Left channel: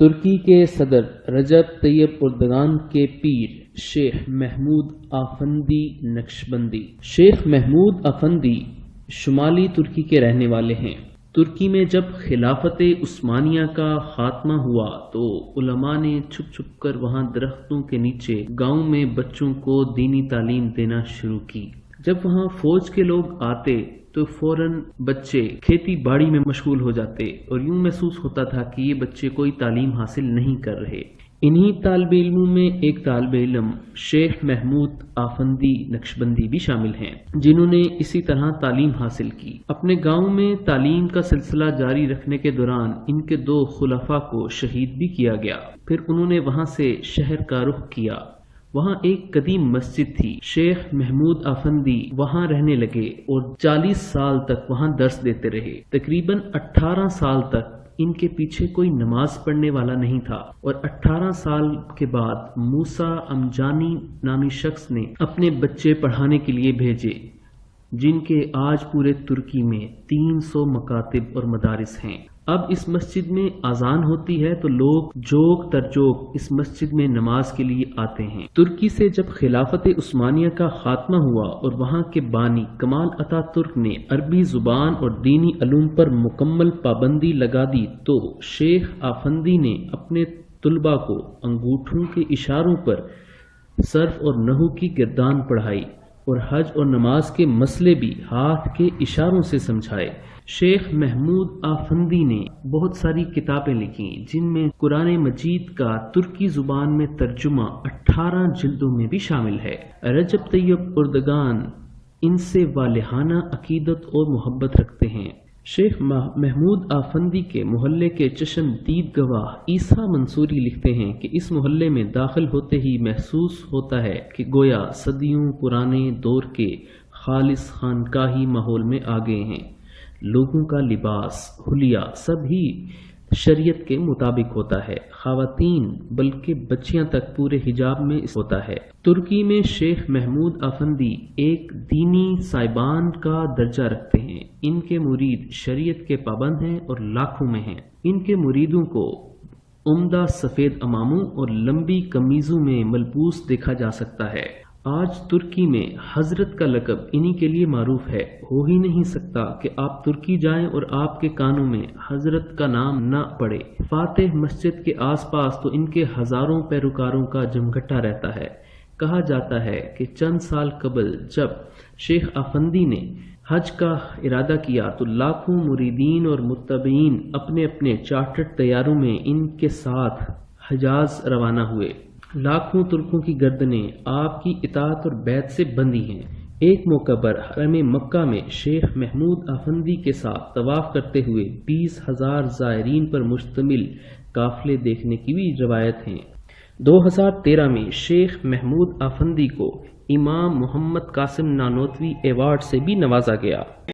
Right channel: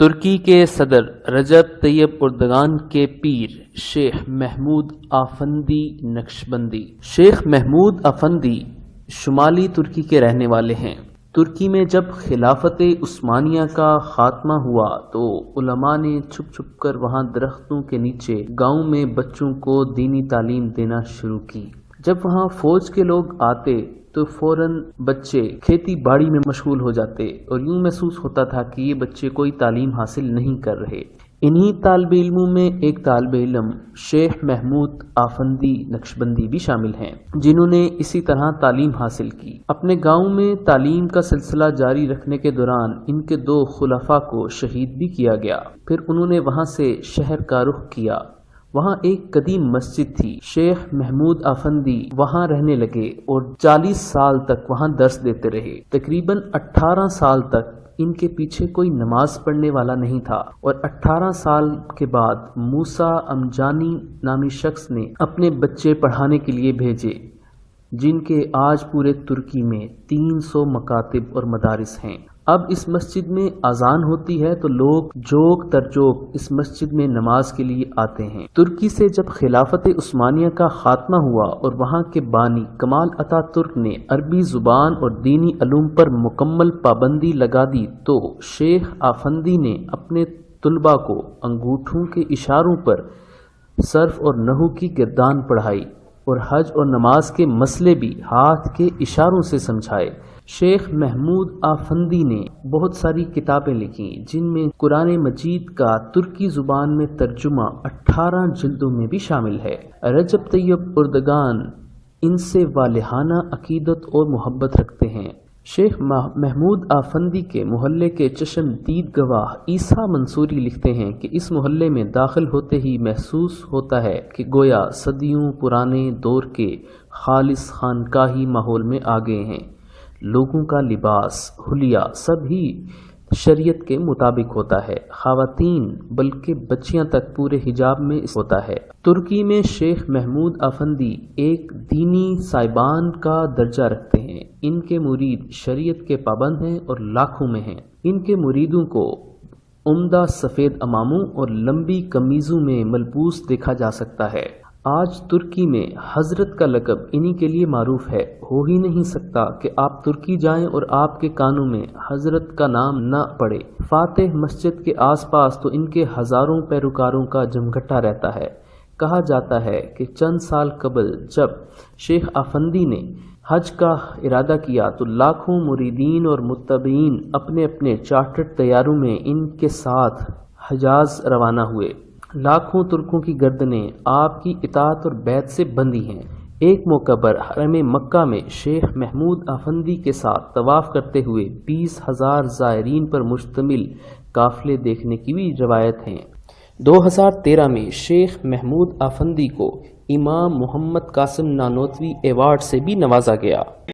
ترکی کے صدر رجب Tayyip Erdogan کے پیر شیخ محمود آفندی نقشبندی۔ شیخ محمود آفندی شمالی ترکی کے رہنے والے ہیں۔ ترکی میں جب خلافت عثمانیہ کا خاتمہ ہوا تو علماء نے چھپ چھپ کر وہاں درختوں کے نیچے گاؤں میں بچوں کو دینی تعلیم دینا شروع کی۔ جب وہاں فوج کے لوگ آتے تو فوراً بچے کھیتی باڑی میں مشغول ہو جاتے اور یوں محسوس ہوتا تھا کہ یہ بچے کوئی تعلیم حاصل نہیں کر رہے۔ انہی طالب علموں میں ایک طالب علم شیخ محمود آفندی نقشبندی بھی شامل ہیں، جنہوں نے اسی طرح تعلیم حاصل کی۔ اپنے گاؤں میں تعلیم کا سلسلہ جاری رکھنے کے دوران ان کے 2 خلفاء کو شہید بھی کیا گیا۔ پھر انہوں نے وہاں سے شہر کا رخ کیا۔ وہاں ایک قدیم مسجد تھی۔ شیخ محمود آفندی وہاں رہنے لگے اور 40 سال تک وہاں درس دیتے رہے۔ تقریباً 18 سال تک ان کے پیچھے کوئی نماز پڑھنے والا نہیں تھا، اور 18 سال کے بعد موسیٰ امجانی نامی شخص نے اپنے بچے پڑھانے کے لیے بھیجے، جن کے آج پورے ترکی میں 300 مکاتب اور مدارس ہیں۔ اب اس مسجد میں اذان ہوتی ہے تو لوگ جوق در جوق اس مسجد میں نماز کے لیے آتے ہیں۔ ترکی سے جب خلافت عثمانیہ کا خاتمہ ہوا اور وہاں کے بانی کمال اتا ترک نے عربی زبان اور دینی علوم پر مکمل پابندی لگا دی تو شیخ آفندی نے اپنے طلباء کو انگوٹھوں کے اشاروں پر صرف اور نحو کی گردان پڑھائی اور حج اور نماز کے مسئلے بھی ہاتھ کے اشاروں سے سمجھائے۔ شیخ محمود آفندی نے بہت ساری کتابیں لکھیں، جن میں قرآن مجید کا ترکی زبان میں ترجمہ 18 جلدوں میں بھی شامل ہے۔ رجب طیب اردگان ان سے والہانہ عقیدت اور محبت رکھتے ہیں۔ شیخ محمود آفندی کے محلے کے چشم دید گواہ عیسیٰ منصوری لکھتے ہیں کہ اس محلے میں داخل ہوتے ہی محسوس ہوتا ہے کہ گویا صدیوں پرانے دور کے خالص خانقاہی ماحول میں آ گئے ہیں۔ لوگوں کا لباس، حلیہ سب ہی شریعت کے مطابق ہوتا ہے۔ خواتین بلکہ بچیاں تک پورے حجاب میں ہوتا ہے۔ ترکی میں شیخ محمود آفندی ایک دینی صاحبان کا درجہ رکھتے ہیں۔ ان کے مرید شریعت کے پابند ہیں اور لاکھوں میں ہیں۔ ان کے مریدوں کو عمدہ سفید اماموں اور لمبی قمیضوں میں ملبوس دیکھا جا سکتا ہے۔ آج ترکی میں حضرت کا لقب انہی کے لیے معروف ہے۔ ہو ہی نہیں سکتا کہ آپ ترکی جائیں اور آپ کے کانوں میں حضرت کا نام نہ پڑے۔ فاتح مسجد کے آس پاس تو ان کے ہزاروں پیروکاروں کا جمگھٹا رہتا ہے۔ کہا جاتا ہے کہ چند سال قبل جب شیخ آفندی نے حج کا ارادہ کیا تو لاکھوں مریدین اور متبعین اپنے اپنے چارٹرڈ طیاروں میں ان کے ساتھ حجاز روانہ ہوئے۔ لاکھوں ترکوں کی گردنیں آپ کی اطاعت اور بیعت سے بندھی ہیں۔ ایک موقع پر حرم مکہ میں شیخ محمود آفندی کے ساتھ طواف کرتے ہوئے 20,000 زائرین پر مشتمل قافلے دیکھنے کی بھی روایت ہے۔ 2013 میں شیخ محمود آفندی کو امام محمد قاسم نانوتوی ایوارڈ سے بھی نوازا گیا۔